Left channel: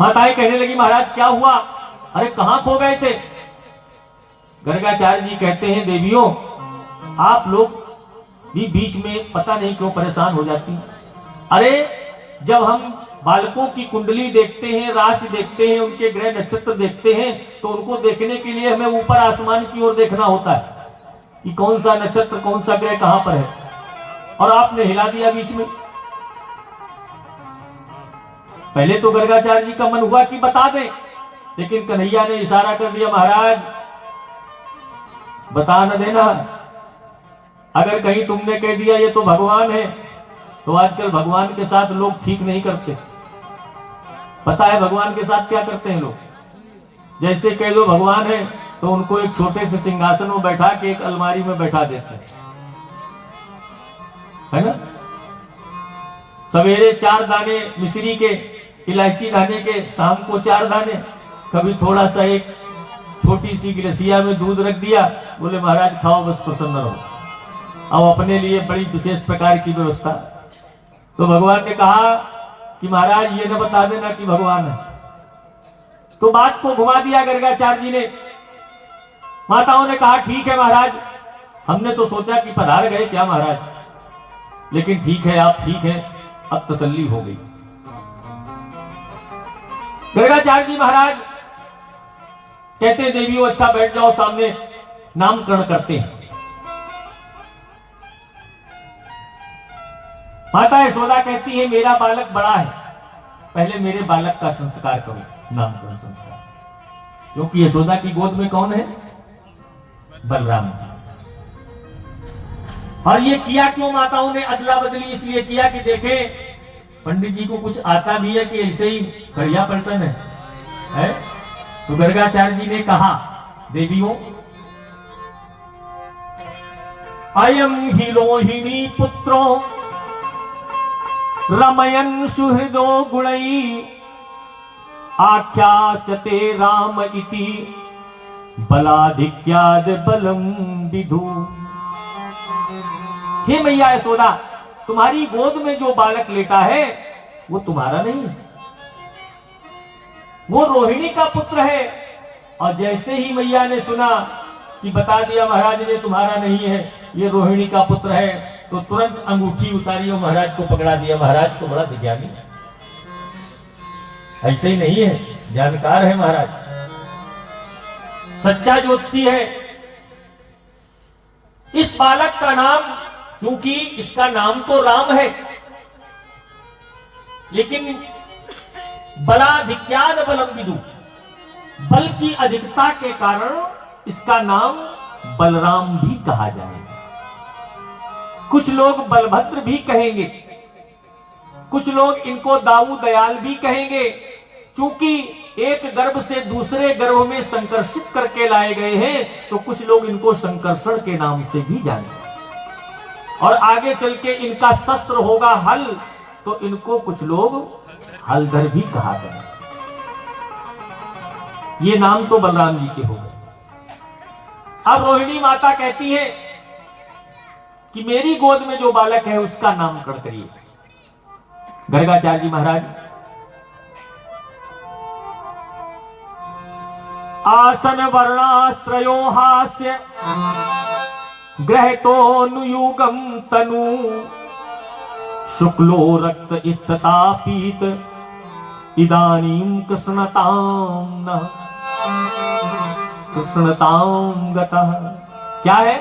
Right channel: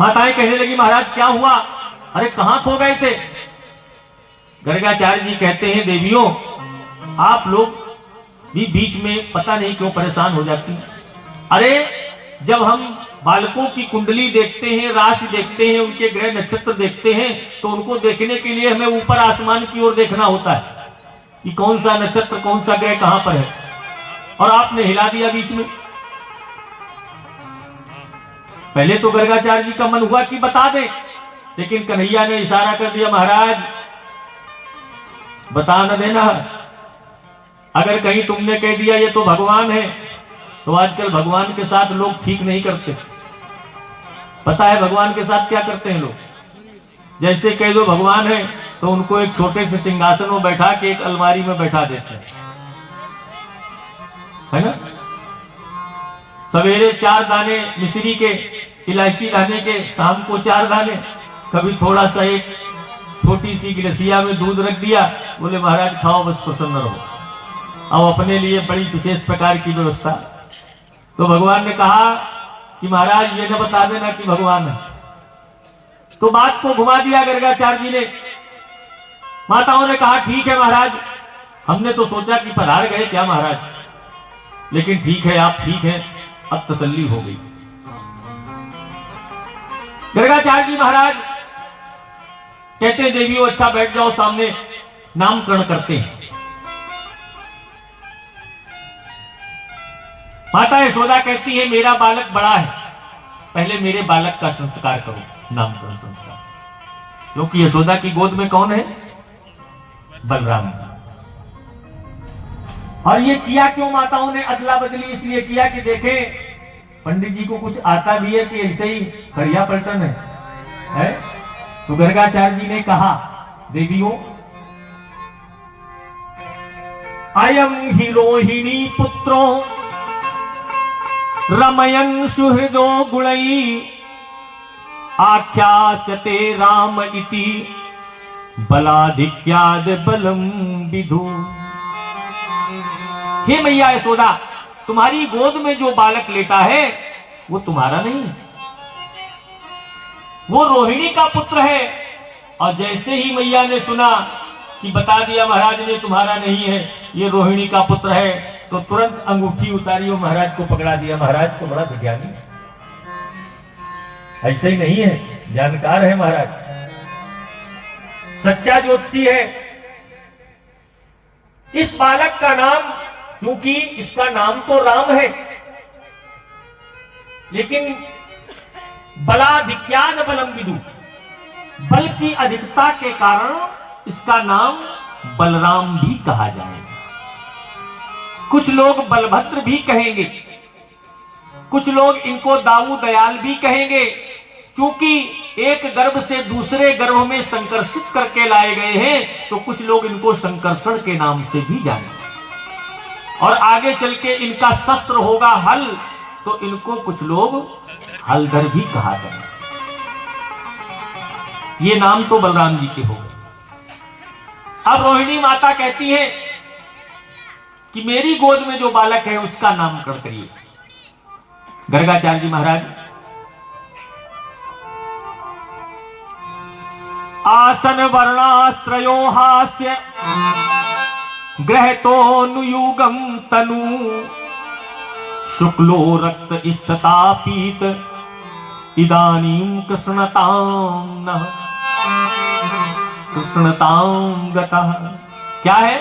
माताएं कहने लगी महाराज क्या हुआ, अरे कहां खो गए थे। गर्गाचार्य जी कहते हैं देवियों आप लोग भी बीच में पता नहीं क्यों परेशान हो जाती। अरे जब हम बालकों की कुंडली देखते हैं, राशि देखते हैं, उनके ग्रह नक्षत्र देखते हैं, तो उनको देखने के लिए हमें ऊपर आसमान की ओर देखना होता है कि कौन सा नक्षत्र कौन सा ग्रह कहां पर है, और आपने हिला दिया बीच में। पहले तो गर्गाचार्य जी का मन हुआ कि बता दें, लेकिन कन्हैया ने इशारा कर दिया महाराज बता न देना, अगर कहीं तुमने कह दिया ये तो भगवान है, तो आजकल भगवान के साथ लोग ठीक नहीं करते। पता है भगवान के साथ क्या करते हैं लोग, जैसे कह दो भगवान है तो उनको एक छोटे से सिंहासन में बैठा के एक अलमारी में बैठा देते हैं, है ना। सवेरे 4 दाने मिश्री के इलायची लाने के, शाम को 4 दाने, कभी थोड़ा सा एक छोटी सी गिलसिया में दूध रख दिया, बोले महाराज खाओ बस प्रसन्न रहो। अब अपने लिए बड़ी विशेष प्रकार की व्यवस्था। तो भगवान ने कहा कि महाराज ये न बता देना कि भगवान है। तो बात को घुमा दिया गर्गाचार्य जी ने। माताओं ने कहा ठीक है महाराज, हमने तो सोचा कि पधार गए क्या महाराज, लेकिन ठीक है आप ठीक हैं, अब तसल्ली हो गई। गर्गाचार्य जी महाराज कहते हैं देवियों अच्छा बैठ जाओ, सामने नामकरण करते हैं। माता यशोदा कहती है मेरा बालक बड़ा है, पहले मेरे बालक का संस्कार करो, नामकरण संस्कार। क्योंकि यशोदा की गोद में कौन है, बलराम। और ये किया क्यों माताओं ने अदला बदली, इसलिए किया कि देखें पंडित जी को कुछ आता भी है कि ऐसे ही खड़िया पलटन है? तो गर्गाचार्य जी ने कहा देवियों अयम ही रोहिणी पुत्रो रमयन सुहृदो गुणई आख्यास्यते राम इति बलाधिक्याद बलम विधु। हे मैया यशोदा तुम्हारी गोद में जो बालक लेटा है वो तुम्हारा नहीं, वो रोहिणी का पुत्र है। और जैसे ही मैया ने सुना कि बता दिया महाराज ने तुम्हारा नहीं है, ये रोहिणी का पुत्र है, तो तुरंत अंगूठी उतारी और महाराज को पकड़ा दिया। महाराज तो बड़ा विज्ञानी, ऐसे ही नहीं है, जानकार है महाराज, सच्चा ज्योतिषी है। इस बालक का नाम, क्योंकि इसका नाम तो राम है, लेकिन बलाधिक्याद बलम विदु, बल की अधिकता के कारण इसका नाम बलराम भी कहा जाएगा। कुछ लोग बलभद्र भी कहेंगे, कुछ लोग इनको दाऊ दयाल भी कहेंगे, क्योंकि एक गर्भ से दूसरे गर्भ में संकर्षित करके लाए गए हैं, तो कुछ लोग इनको संकर्षण के नाम से भी जानेंगे। और आगे चल के इनका शस्त्र होगा हल, तो इनको कुछ लोग हलधर भी कहा जाए। ये नाम तो बलराम जी के हो गए। अब रोहिणी माता कहती है कि मेरी गोद में जो बालक है उसका नामकरण करिए। गर्गाचार्य जी महाराज आसन वर्णास्त्रयो हास्य ग्रहतोनुयुगम तनु शुक्लो रक्त स्तता पीत इदानीं कृष्णतां नः कृष्णतां गतः। क्या है,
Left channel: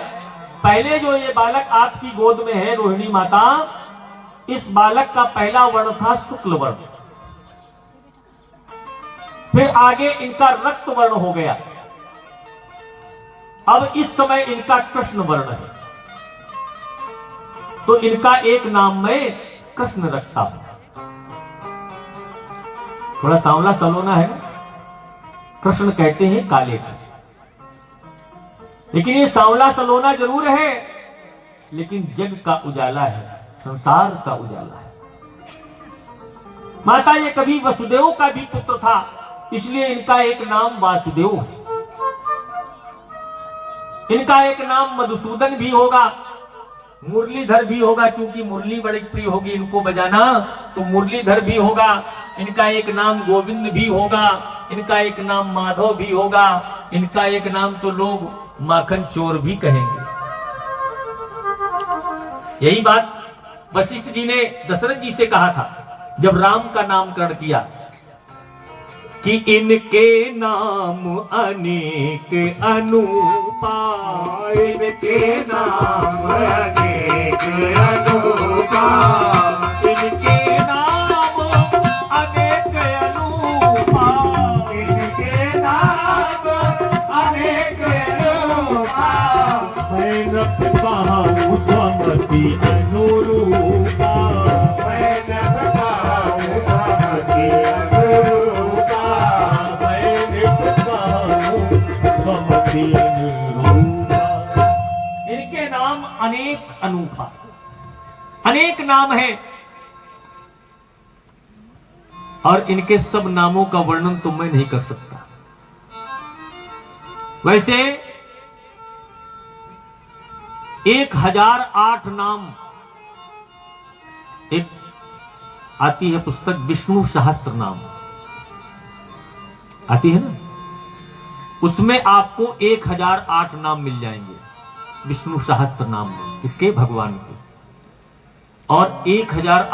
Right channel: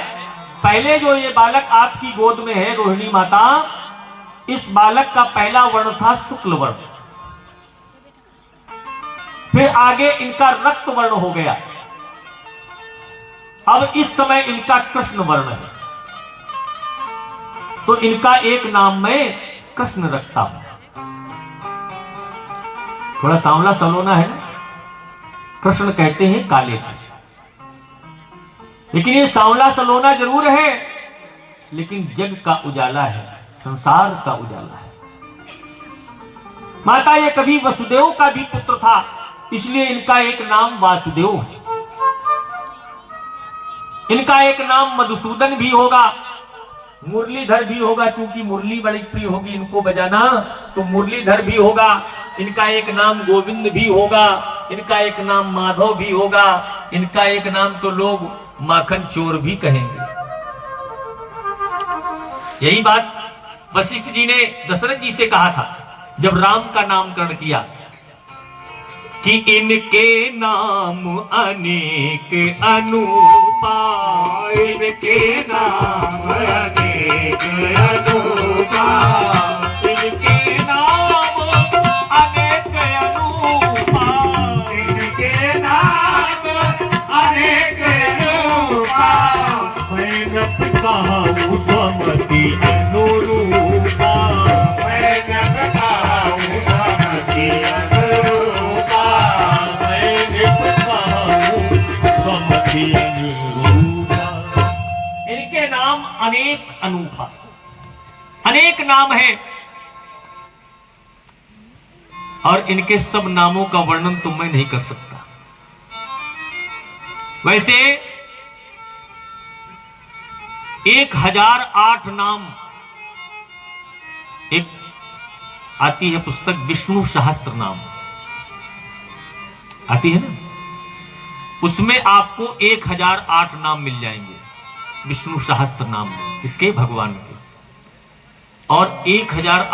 पहले जो ये बालक आपकी गोद में है रोहिणी माता, इस बालक का पहला वर्ण था शुक्ल वर्ण, फिर आगे इनका रक्त वर्ण हो गया, अब इस समय इनका कृष्ण वर्ण है। तो इनका एक नाम में कृष्ण रखता हूं। थोड़ा सांवला सलोना है, कृष्ण कहते हैं काले को, लेकिन ये सांवला सलोना जरूर है, लेकिन जग का उजाला है, संसार का उजाला है। माता ये कभी वसुदेव का भी पुत्र था, इसलिए इनका एक नाम वासुदेव है। इनका एक नाम मधुसूदन भी होगा, मुरलीधर भी होगा, क्योंकि मुरली बड़ी प्रिय होगी इनको बजाना, तो मुरलीधर भी होगा। इनका एक नाम गोविंद भी होगा, इनका एक नाम माधव भी होगा, इनका एक नाम तो लोग माखन चोर भी कहेंगे। यही बात वशिष्ठ जी ने दशरथ जी से कहा था जब राम का नामकरण किया कि इनके नाम अनेक अनूपा, इनके नाम अनेक अनूपा, इनके नाम अनेक अनूपा, इनके नाम अनेक अनूपा, मैं न कहूँ स्वमति अनुरूपा, मैं न कहूँ स्वमति अनुरूपा, मैं न कहूँ स्वमति अनुरूपा। इनके नाम अनेक अनूपा, अनेक नाम है और इनके सब नामों का वर्णन तो मैं नहीं कर सकता। वैसे 1008 नाम, एक आती है पुस्तक विष्णु सहस्त्र नाम आती है ना, उसमें आपको 1008 नाम मिल जाएंगे विष्णु सहस्त्र नाम में, इसके भगवान के, और 1008